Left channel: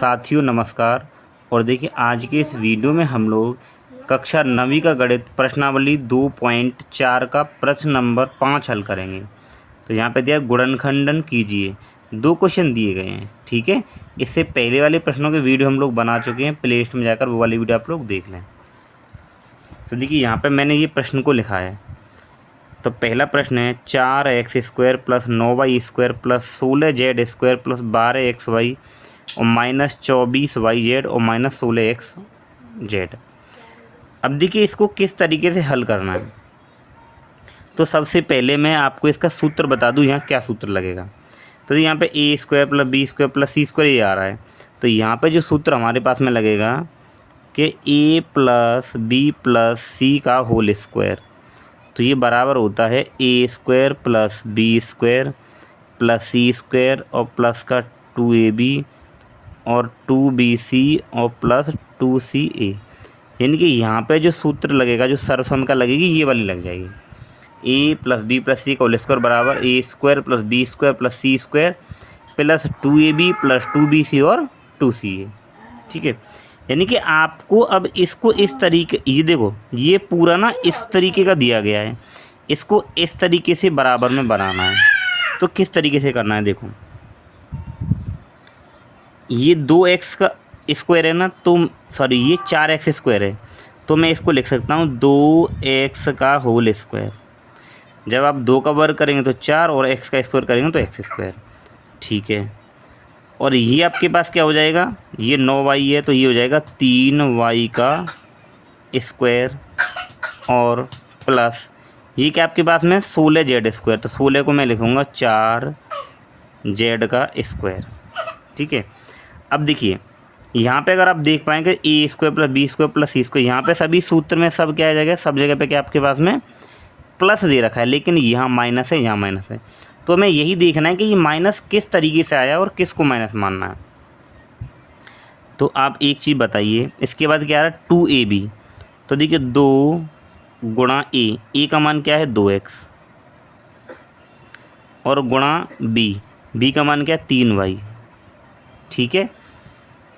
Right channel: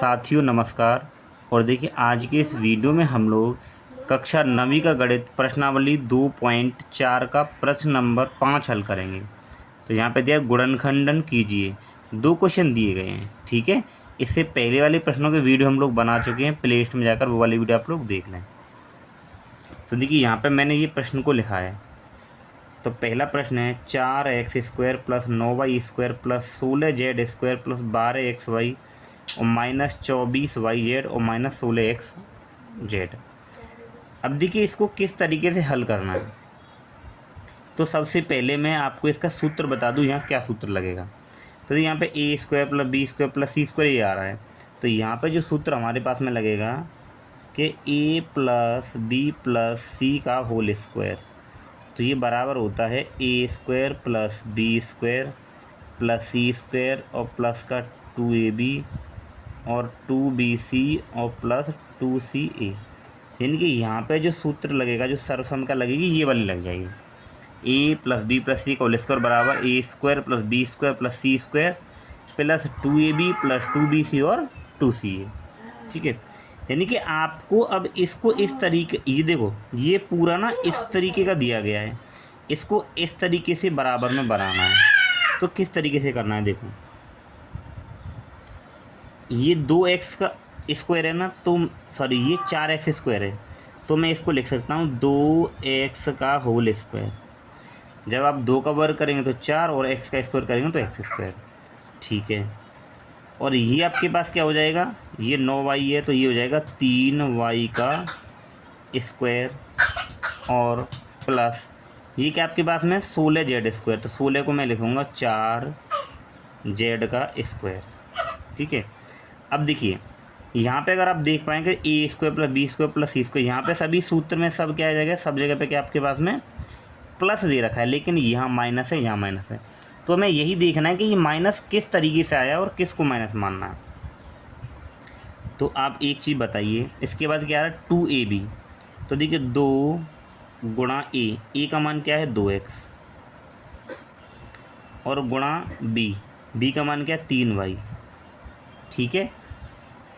साथियों नमस्कार। और देखिए आज के इस वीडियो में हम लोग कक्षा 9वीं का गणित प्रश्नावली 2.4 का प्रश्न नंबर 5 हल करेंगे। तो यहाँ पे दिया गुणनखंडन कीजिए। 2 क्वेश्चन दिए गए हैं, ठीक है। इससे पहले वाले प्रश्नों के वीडियो हम लोग बना चुके हैं, प्ले लिस्ट में जाकर वो वाली वीडियो आप लोग देख लें। तो देखिए यहाँ पे मैंने ये प्रश्न को लिखा है। तो पहला प्रश्न है 4x² + 9y² + 16z² + 12xy और -24yz और -16xz। अब देखिए इसको किस तरीके से हल करना है। तो सबसे पहले मैं आपको इसका सूत्र बता दूं, यहाँ क्या सूत्र लगेगा। तो यहाँ पे a² + b² + c² ये आ रहा है। तो यहाँ पे जो सूत्र हमारे पास में लगेगा कि a + b + c का होल स्क्वायर, तो ये बराबर होता है a² + b² + c² और प्लस का 2ab और 2bc और प्लस 2ca। यानी कि यहाँ पे जो सूत्र लगेगा, जो सर्वसम का लगेगी, ये वाली लग जाएगी। a + b + c का होल स्क्वायर बराबर a² + b² + c² plus 2ab + 2bc और 2ca, ठीक है। यानी कि आपको अब इसको इस तरीके, ये देखो ये पूरा ना इस तरीके का दिया गया है, इसको इस तरीके से बराबर में बनाना है। तो किस तरीके से करना है, देखो ये 2x का स्क्वायर है ना, तो सॉरी ये 4x² है, तो मैं इसको लिख सकता हूँ 2x का होल स्क्वायर। जब आप 2 का वर्ग करेंगे तो 4 और x का स्क्वायर करेंगे तो x², ठीक है। और ये आपके पास क्या हो जाएगा, ये 9y है तो ये हो जाएगा 3y का स्क्वायर और प्लस ये क्या आपके पास में 16z², तो 16 को मैं लिखूँगा 4z का स्क्वायर, ठीक है। अब देखिए यहाँ पे अगर आप देख पाएंगे a² + b² + c², यहाँ पे सभी सूत्र में सब क्या आ जाएगा, सब जगह पे क्या आपके पास में प्लस दे रखा है, लेकिन यहाँ माइनस है, यहाँ माइनस है। तो हमें यही देखना है कि ये माइनस किस तरीके से आया और किसको माइनस मानना है। तो आप एक चीज़ बताइए, इसके बाद क्या आ रहा है 2ab। तो देखिए 2 गुणा a का मान क्या है 2x और गुणा b का मान क्या है 3y, ठीक है।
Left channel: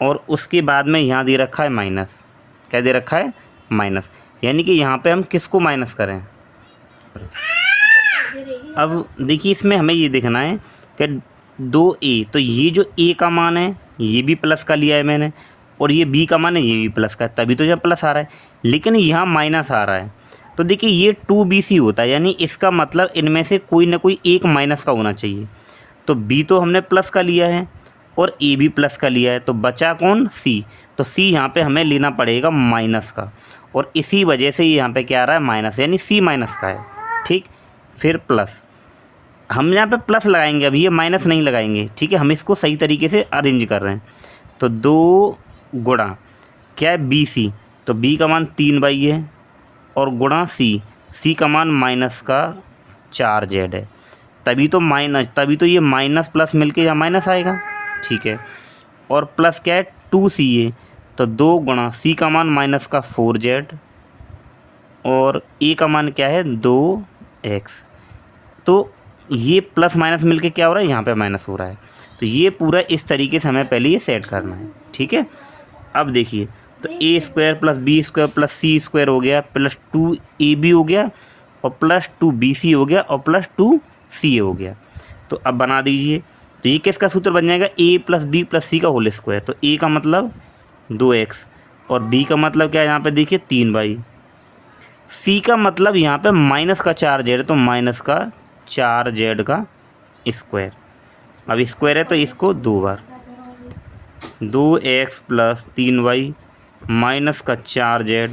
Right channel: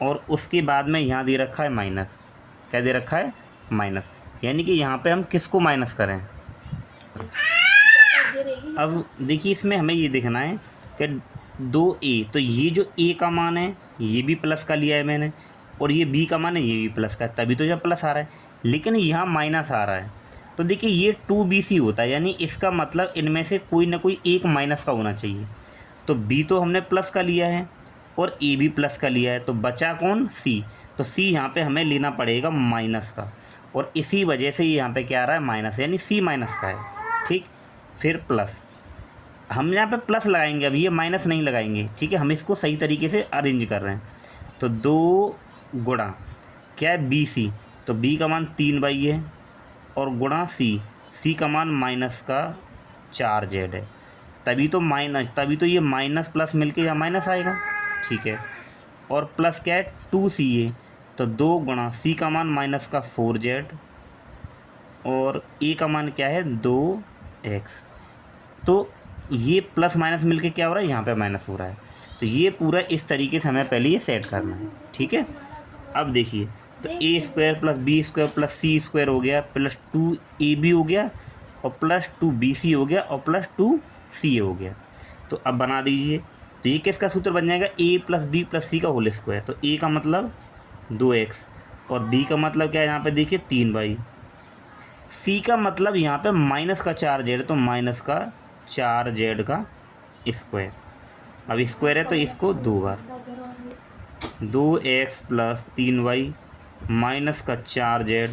और उसके बाद में यहाँ दे रखा है माइनस, क्या दे रखा है माइनस, यानी कि यहाँ पे हम किसको माइनस करें। अब देखिए इसमें हमें ये देखना है कि 2a, तो ये जो a का मान है ये भी प्लस का लिया है मैंने, और ये b का मान है ये भी प्लस का, तभी तो यहाँ प्लस आ रहा है, लेकिन यहाँ माइनस आ रहा है। तो देखिए ये 2bc होता है, यानी इसका मतलब इनमें से कोई ना कोई एक माइनस का होना चाहिए। तो b तो हमने प्लस का लिया है और a भी प्लस का लिया है, तो बचा कौन c। तो c यहाँ पे हमें लेना पड़ेगा माइनस का, और इसी वजह से यहाँ पे क्या आ रहा है माइनस, यानी c माइनस का है, ठीक। फिर प्लस, हम यहाँ पे प्लस लगाएंगे, अब ये माइनस नहीं लगाएंगे, ठीक है। हम इसको सही तरीके से अरेंज कर रहे हैं। तो 2 गुणा क्या है bc, तो b का मान 3y है और गुणा c का मान माइनस का 4z है, तभी तो ये माइनस प्लस मिलके यहाँ माइनस आएगा, ठीक है। और प्लस क्या है 2ca, तो 2 गुणा c का मान माइनस का 4z और a का मान क्या है 2x। तो ये प्लस माइनस मिलके क्या हो रहा है, यहाँ पे माइनस हो रहा है। तो ये पूरा इस तरीके से हमें पहले ये सेट करना है, ठीक है। अब देखिए तो a² + b² + c² हो गया, प्लस 2ab हो गया और प्लस 2bc हो गया और प्लस 2ca हो गया। तो अब बना दीजिए, तो ये किसका सूत्र बन जाएगा a + b + c का होल स्क्वायर। तो a का मतलब 2x और b का मतलब क्या है, यहाँ पे देखिए 3y, c का मतलब यहाँ पे माइनस का 4z, तो माइनस का 4z का स्क्वायर। अब स्क्वायर है तो इसको 2 बार, 2x + 3y माइनस का 4z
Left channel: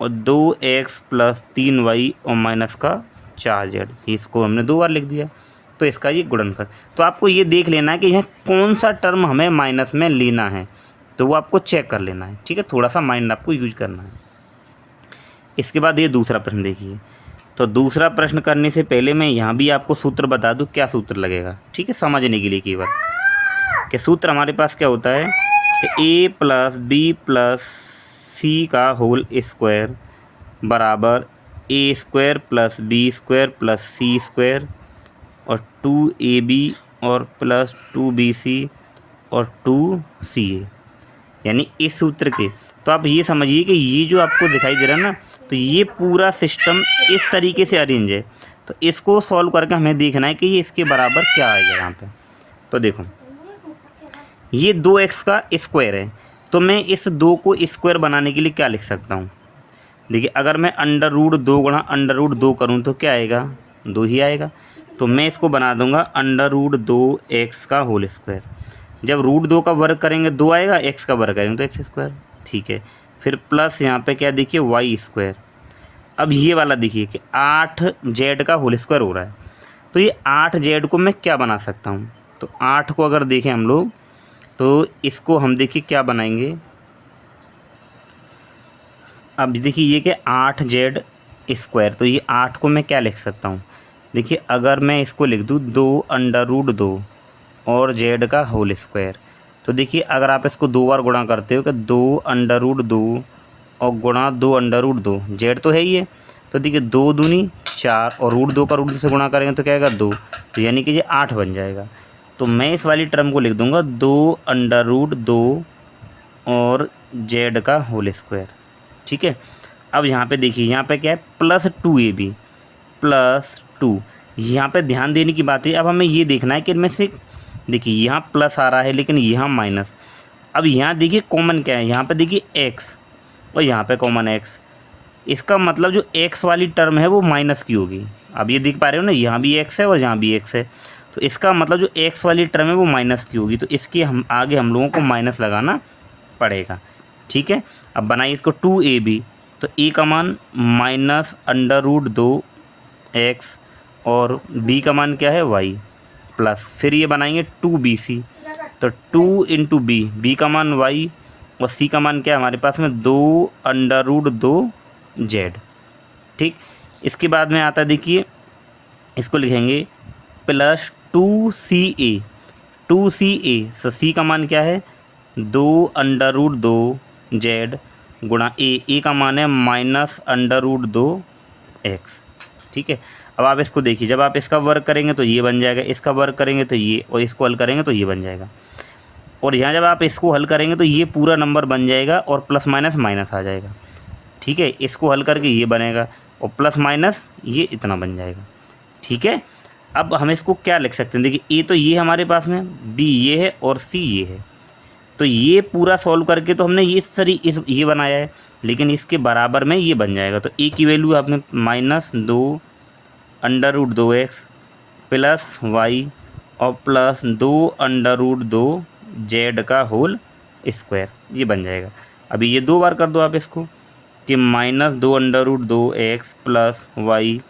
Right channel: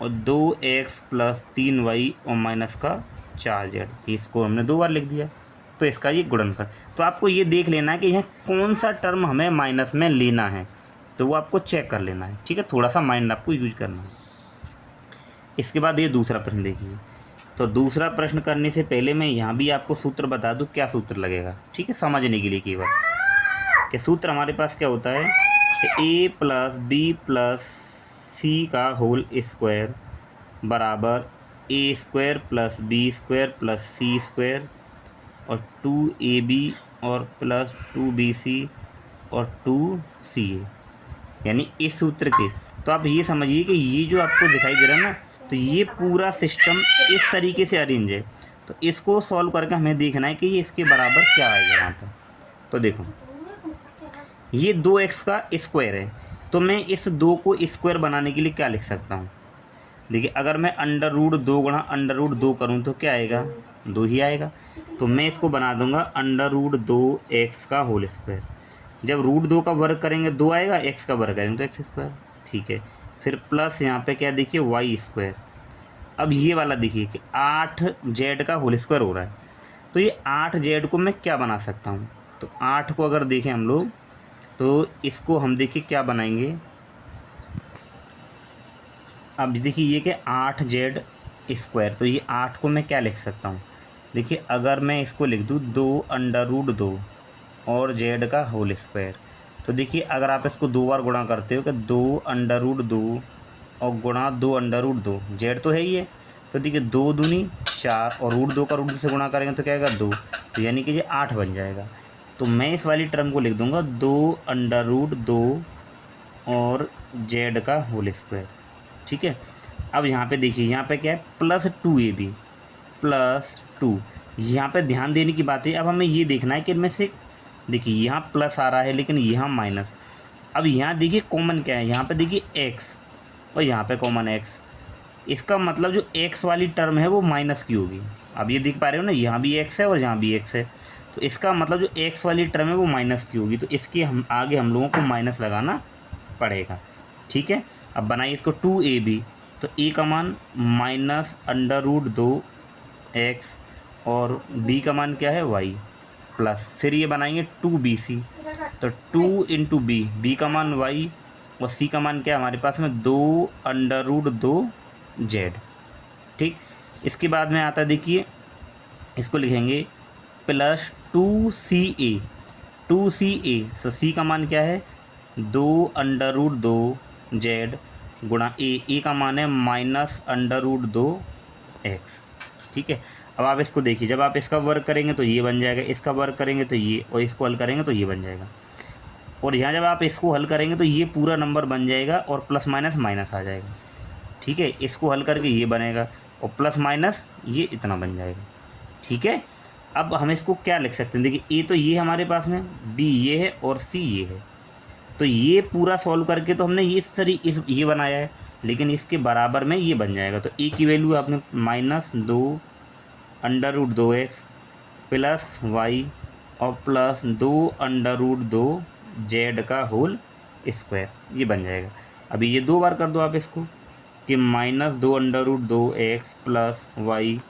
और 2x + 3y और माइनस का 4z, इसको हमने 2 बार लिख दिया। तो इसका ये गुणनफल। तो आपको ये देख लेना है कि यह कौन सा टर्म हमें माइनस में लेना है, तो वो आपको चेक कर लेना है, ठीक है। थोड़ा सा माइंड आपको यूज करना है। इसके बाद ये दूसरा प्रश्न देखिए। तो दूसरा प्रश्न करने से पहले मैं यहाँ भी आपको सूत्र बता दूँ क्या सूत्र लगेगा, ठीक है, समझने के लिए केवल कि सूत्र हमारे पास क्या होता है कि a + b + c का होल स्क्वायर बराबर a² + b² + c² और 2ab और प्लस 2bc और 2CA, यानी इस सूत्र के। तो आप ये समझिए कि ये जो आपको दिखाई दे रहा है ना, तो ये पूरा सिस्टम इस तरीके से अरेंज है। तो इसको सॉल्व करके हमें देखना है कि ये इसके बराबर क्या आएगा यहाँ पे। तो देखो, ये 2x का स्क्वायर है, तो मैं इस 2 को स्क्वायर बनाने के लिए क्या लिख सकता हूँ। देखिए, अगर मैं अंडर रूट 2 गुणा अंडर रूट 2 करूँ तो क्या आएगा, 2 ही आएगा। तो मैं इसको बना दूंगा अंडर रूट 2x का होल स्क्वायर। जब रूट 2 का वर्ग करेंगे 2 आएगा, x का वर्ग करेंगे तो एक्स स्क्वायर। ठीक है, फिर प्लस यहाँ पे क्या देखिए, वाई स्क्वायर। अब ये वाला देखिए कि 8z का होल स्क्वायर हो रहा है। तो ये 8z को मैं क्या बना सकता हूँ। तो 8 को अगर देखें हम लोग, तो इसको हम देखिए क्या बनाएंगे। अब देखिए ये कि 8z स्क्वायर, तो ये 8 को मैं क्या लिख सकता हूँ। देखिए, अगर मैं इसको लिख दूँ 2√2 और z का होल स्क्वायर, तो देखिए अगर आप इसको 2 बार गुणा करते हो कि 2√2 और गुणा 2√2, z तो है ही है। तो देखिए 2 दूनी 4 और √2 का √2 से गुणा करेंगे तो क्या आएगा 2, तो यानी कि ये 8 बन जाएगा। तो मैं इस वाली टर्म को लिख दूंगा 2√2 और z का होल स्क्वायर। ठीक है, अब यहाँ पे देखिए, यहाँ पे क्या है, +2ab +2। यहाँ पे ध्यान देने की बात है। अब हमें ये देखना है कि इनमें से देखिए यहाँ प्लस आ रहा है लेकिन यहाँ माइनस। अब यहाँ देखिए कॉमन क्या है, यहाँ पे देखिए x और यहाँ पे कॉमन x। इसका मतलब जो x वाली टर्म है वो माइनस की होगी। अब ये देख पा रहे हो ना, यहाँ भी x है और यहाँ भी x है। तो इसका मतलब जो x वाली टर्म है वो माइनस की होगी, तो इसके हम आगे हम लोगों को माइनस लगाना पड़ेगा। ठीक है, अब बनाइए इसको 2ab, तो a का मान -√2x और b का मान क्या है, y, प्लस फिर ये बनाएंगे 2bc, तो 2 इंटू b का मान y और c का मान क्या है हमारे पास में 2√2z। ठीक, इसके बाद में आता है देखिए, इसको लिखेंगे +2ca, 2ca, तो c का मान क्या है 2√2z गुणा a का मान है -√2x। ठीक है, अब आप इसको देखिए, जब आप इसका वर्ग करेंगे तो ये बन जाएगा, इसका वर्ग करेंगे तो ये, और इसको हल करेंगे तो ये बन जाएगा। और यहाँ जब आप इसको हल करेंगे तो ये पूरा नंबर बन जाएगा और प्लस माइनस माइनस आ जाएगा। ठीक है, इसको हल करके ये बनेगा और प्लस माइनस ये इतना बन जाएगा। ठीक है, अब हम इसको क्या लिख सकते हैं, देखिए ए तो ये हमारे पास में, बी ये है और सी ये है। तो ये पूरा सॉल्व करके तो हमने इस ये बनाया है, लेकिन इसके बराबर में ये बन जाएगा। तो ए की वैल्यू आपने -2√2x प्लस वाई और प्लस 2√2z का होल स्क्वायर, ये बन जाएगा। अभी ये 2 बार कर दो आप इसको कि -2√2x प्लस वाई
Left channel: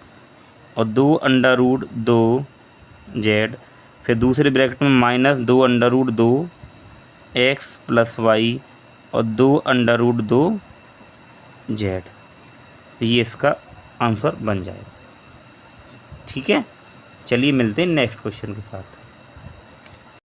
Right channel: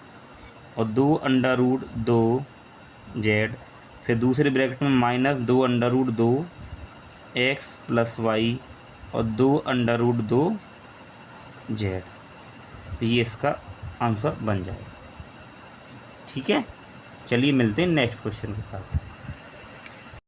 और 2√2z, फिर दूसरे ब्रैकेट में -2√2x प्लस वाई और 2√2z। तो ये इसका आंसर बन जाएगा। ठीक है, चलिए मिलते हैं नेक्स्ट क्वेश्चन के साथ।